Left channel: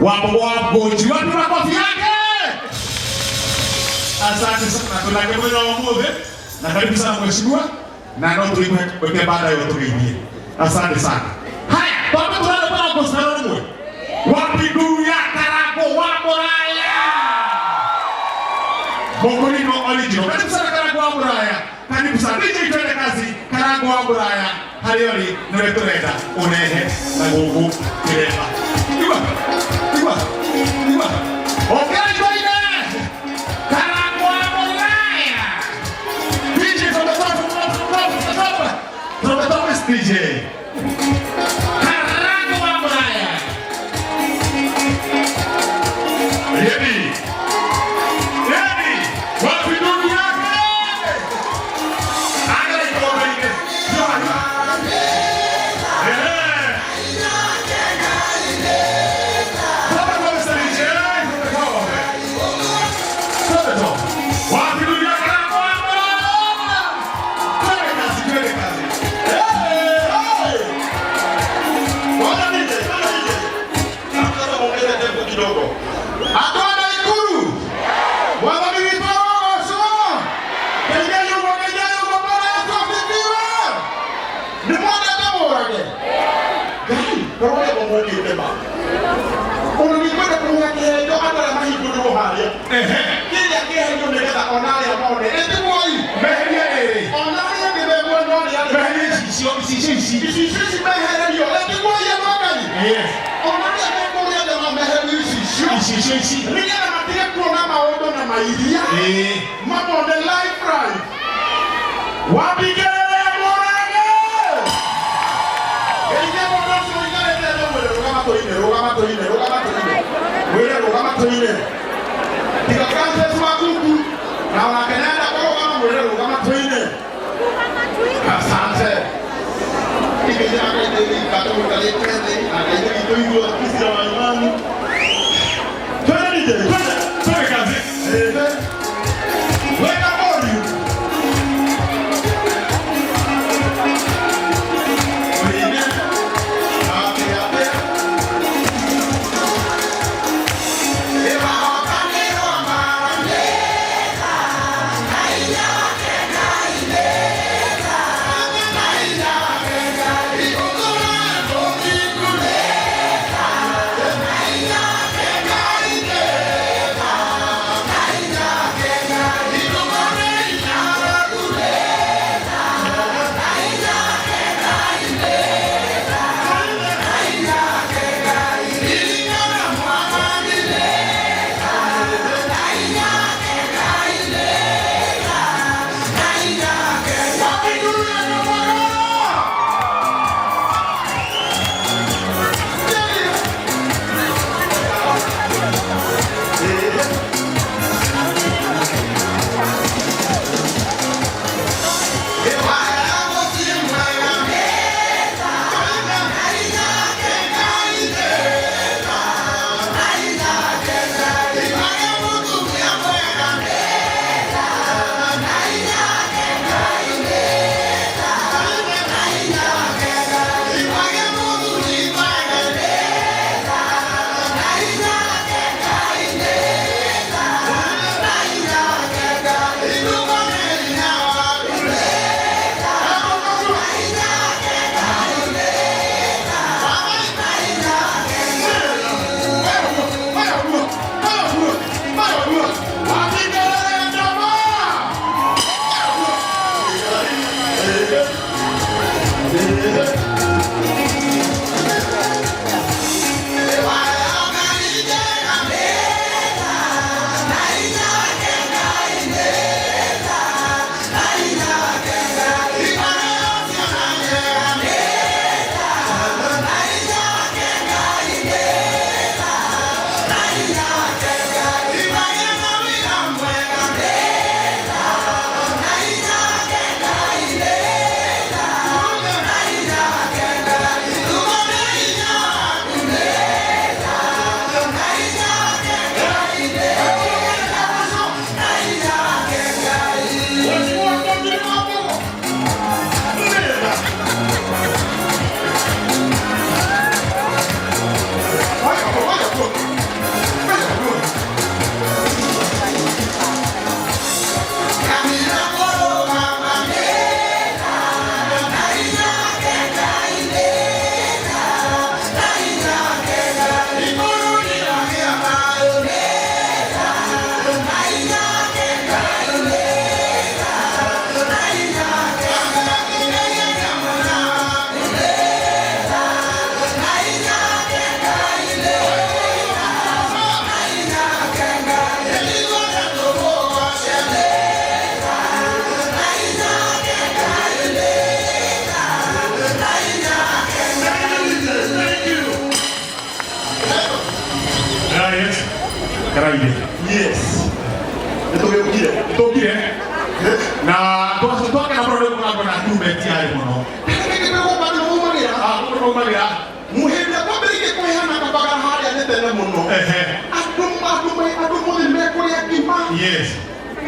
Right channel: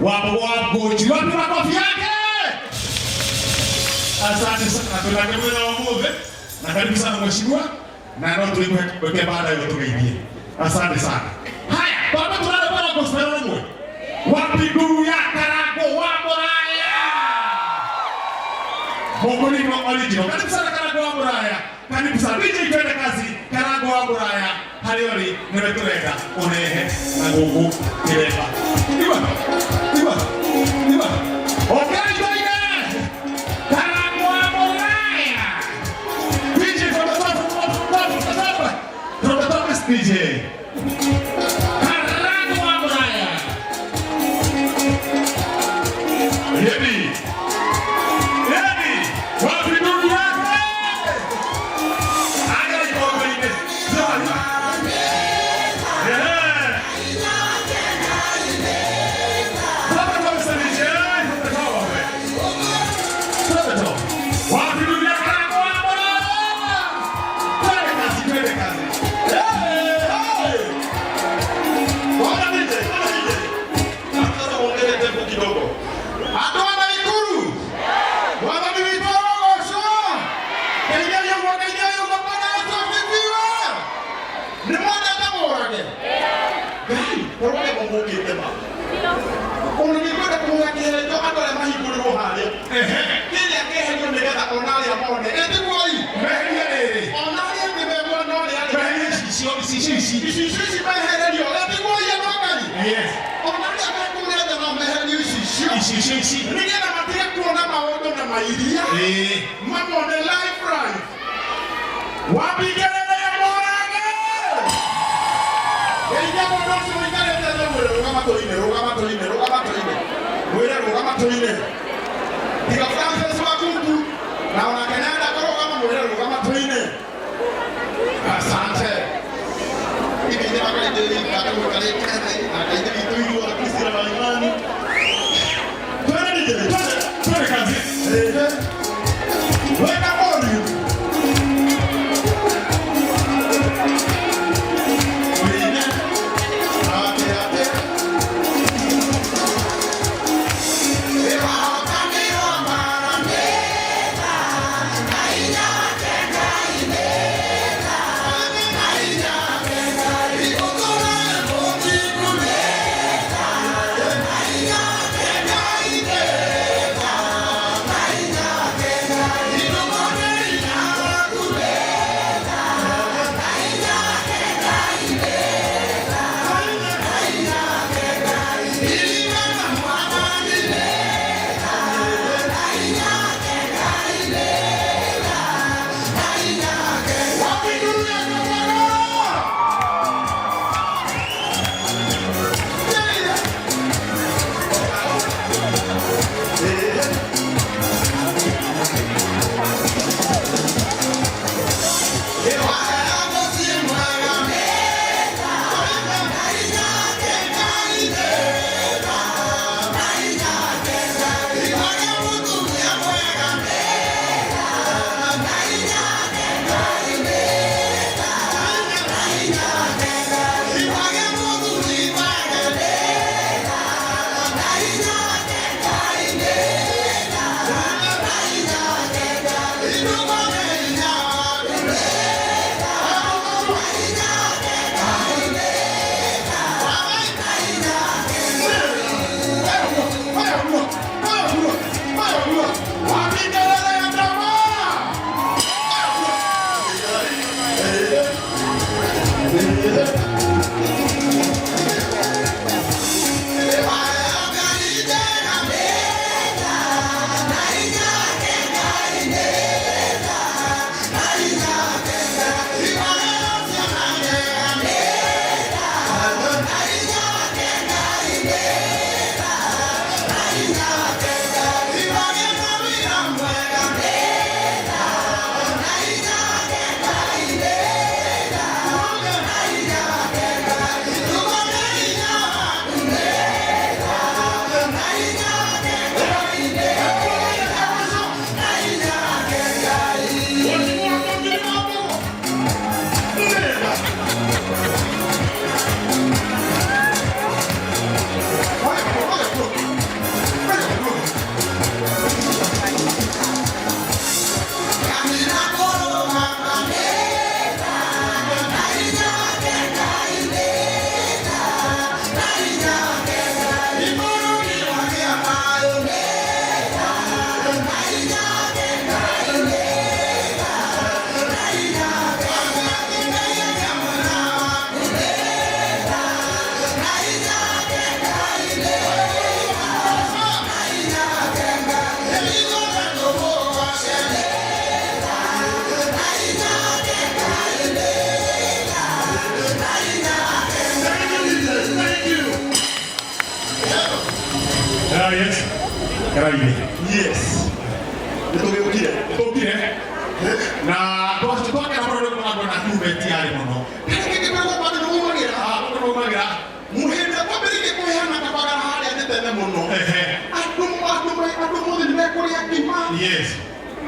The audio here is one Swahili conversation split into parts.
Wapo jioni makofi yake. Asante sana tunakemea wa Mungu na karibu sana mheshimiwa na ndio tulikuwa baada ya tukaingia. Asante sana. Haya, baba tunataka kusimama. Wapi ndugu ya Karago wapo haya. Bongo original. Karibu sana Karago wapo haya. Karibu sana DJ twende kazi. Karago wapo haya. Halioni nimetoleka unehe na nguvu kireba. Iwa. Okay, join Karago wapo haya. DJ from the top is DJ. yes. Karaide. Yes. Tokire. Na toka na bro na tume tiari mono. Muhenda kwa berike kwa yana kabaga hali atende mono. Atu ni meko ya kima. Yes.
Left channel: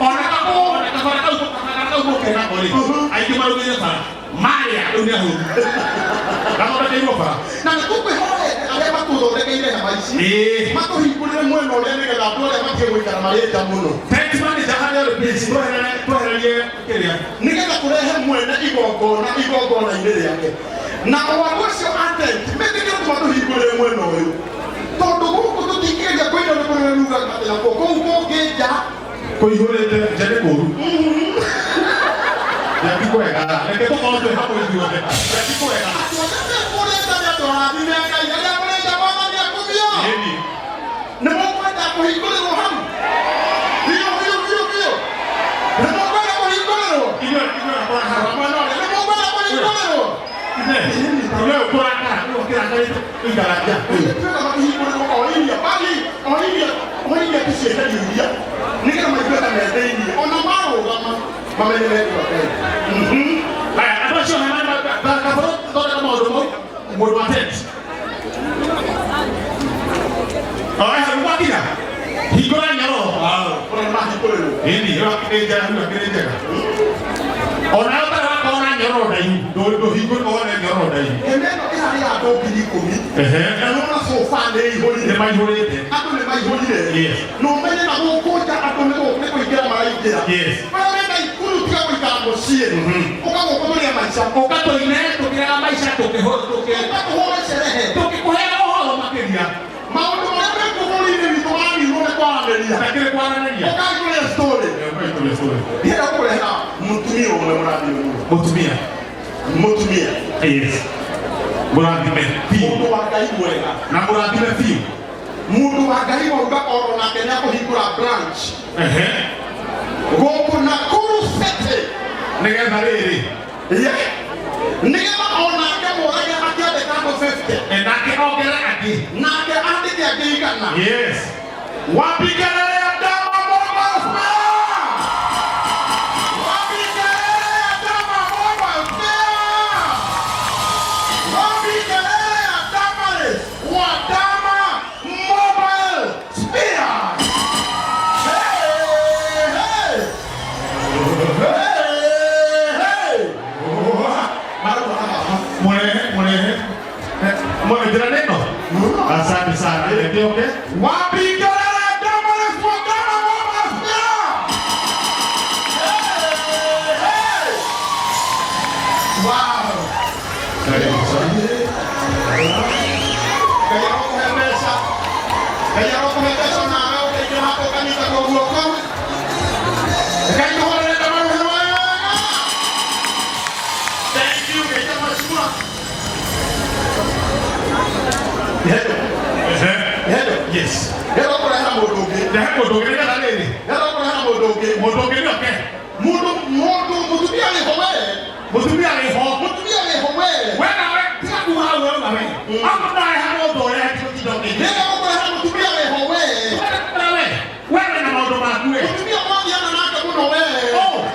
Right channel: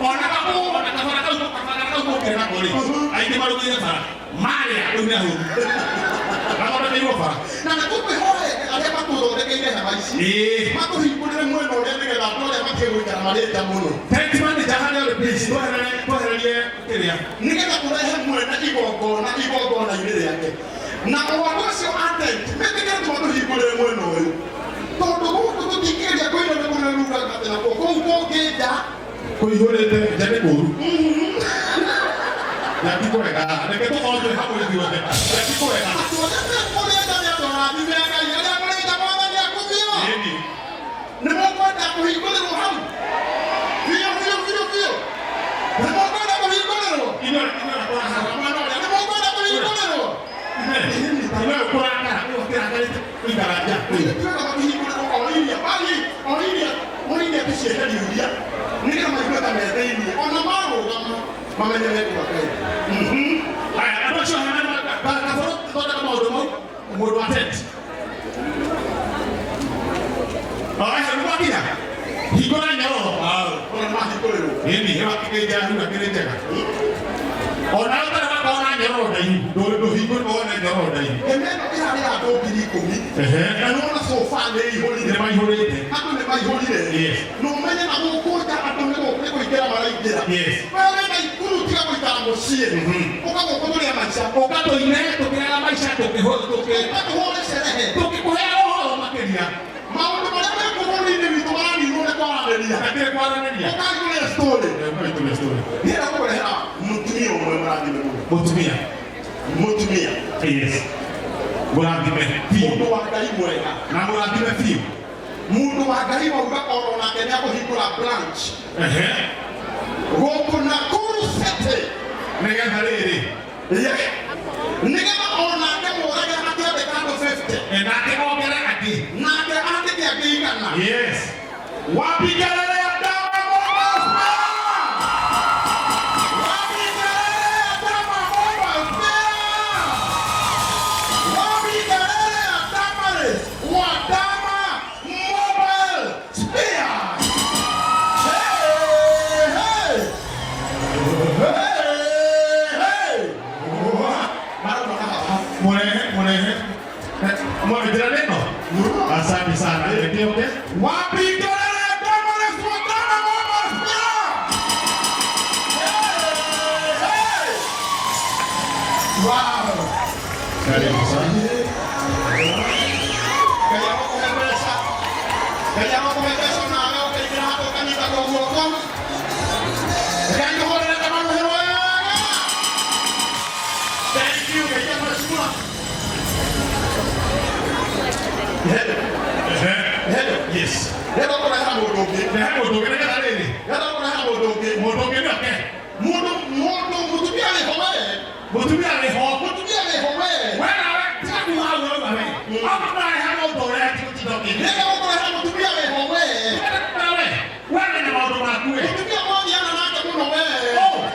Ona kako kera boli. Ai kima lo ni sana. Maria dunia hu. Kama na hiyo fa. Na kupe hole ale maturo de kenge na baishi. Mako hikule mwe no le ngela blo ya makewe kana maleta mono. Thanks man jahani ole please. To hele keria. Ningela kurehe mwe na igogo na ile yake. Na wagosho ate meteke tumatu hikule mwe no yo. Todo huko tutikija kwenda na luga katela ko geja. Ko ihole de jane ko. Ya kiko ega. Neke to mojo hapo hivi wote. Ya kiko ega. Mutumia. Yes. Mundu wakaiwega. Na mundu fiu. Mundu wakaiwa oro na Kenya ko hikura branch. Goku na kurusete. Nega barere. Yeah. Nega ona ke moraga matia de kando 50. Na ke ogera ati. Na ke ati ya gigana. Yes. Wapigana ya dama bomba. Asante sana. Ndio okay? Wapi kelele kama lefuatana mama sio? Wow. Karibu sana. Kaya kumepesa na wewe kile hapo kanisa kwa uokozi. Kaya wale kama wewe. Thank you kaya mashukuru. Hello. Yes. Hello kwa hapa modoge. Modoge ni kale ni. Hello kwa hapa modoge. Modoge ni okay. Mutumia ni howe. Mutumia ni ho. Mutumia ni howe. Wewe tika kuha wewe na wewe. Ama na hapo dole ya kidogo. Hello kwa hapa mutumia ni howe. Wewe na modo na kuwe. Mutumia moja na naka kuna wewe. Oh.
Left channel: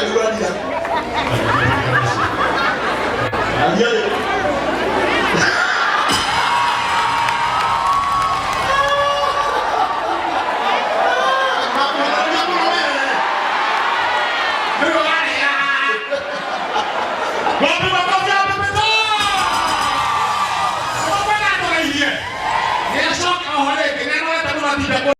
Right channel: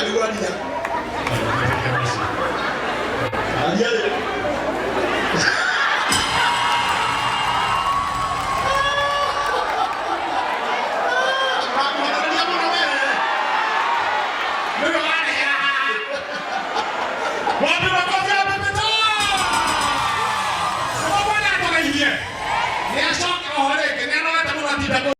aliwadia. Aliye